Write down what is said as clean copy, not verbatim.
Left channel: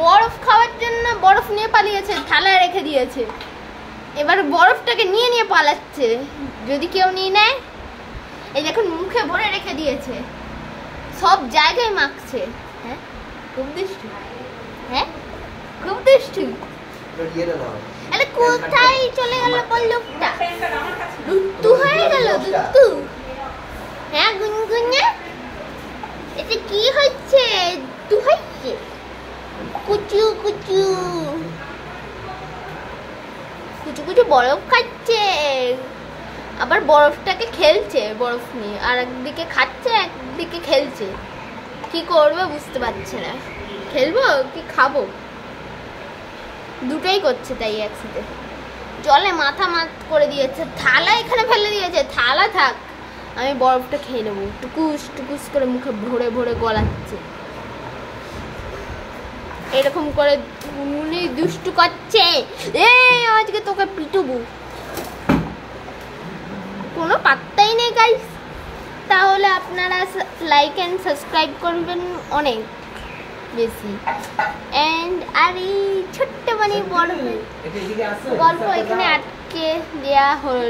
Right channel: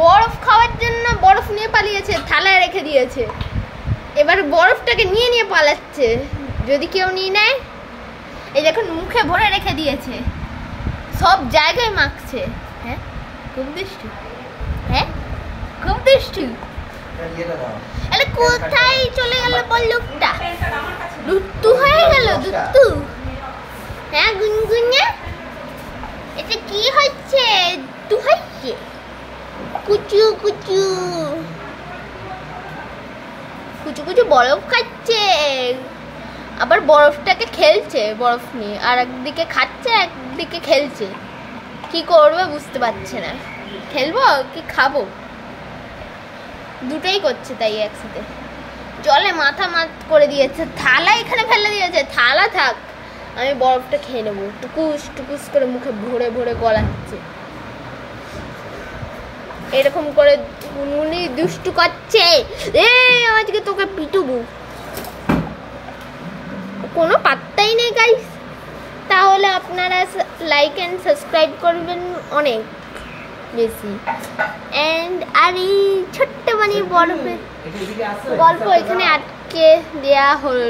বরফ খাওয়ার জন্য বরফ নিয়ে পালিয়েছে, থালায় রেখে দিয়েছে। এবার বরফটাকে নিয়ে নিয়ে পালাচ্ছে, যদি কেউ নিয়ে নেয়। এই দেখুন মুখে ভরে রেখে দিয়েছে, সব জায়গায় মাখছে। হ্যাঁ খুব দুষ্টু, হ্যাঁ খুব দুষ্টু। আরে কোথায় চলে গেল বল্লভটা? দুত্তু হয়ে গেল, দুত্তু। হ্যাঁ গুনগুনে, এটা কি হচ্ছে? দুত্তু হচ্ছে, কুচু কুচু কুচু কুচু বরফ খাচ্ছে, আবার বরফটাকে খেলছে, বরফ নিয়ে আর একদিকে খাচ্ছে একদিকে খেলছে। কি করবে বুঝতে পারছে না, খেলবো কি খাবো, দুটোই করছে তাই একসাথে। জলে মাথা মাত করে দিয়েছে, থালা এখানে ফেলে দিয়েছে। থালা থাক, আমি বরফটা খেয়ে নেবো। টুকুস টুকুস করে মুখে ভরে ভরে গলাচ্ছে। এরকম করে উনি দুষ্টু করছে। এই আজকে তোকে পিটুবো, কোনো পাত্তাই নেই গাইস। তাহলে আপনারা লাইক অ্যান্ড সাবস্ক্রাইব করবেন অনেক বেশি। অ্যান্ড আর এই ছোট্ট মানে বরফের গল্প এখানে আটকে দেওয়া হলো।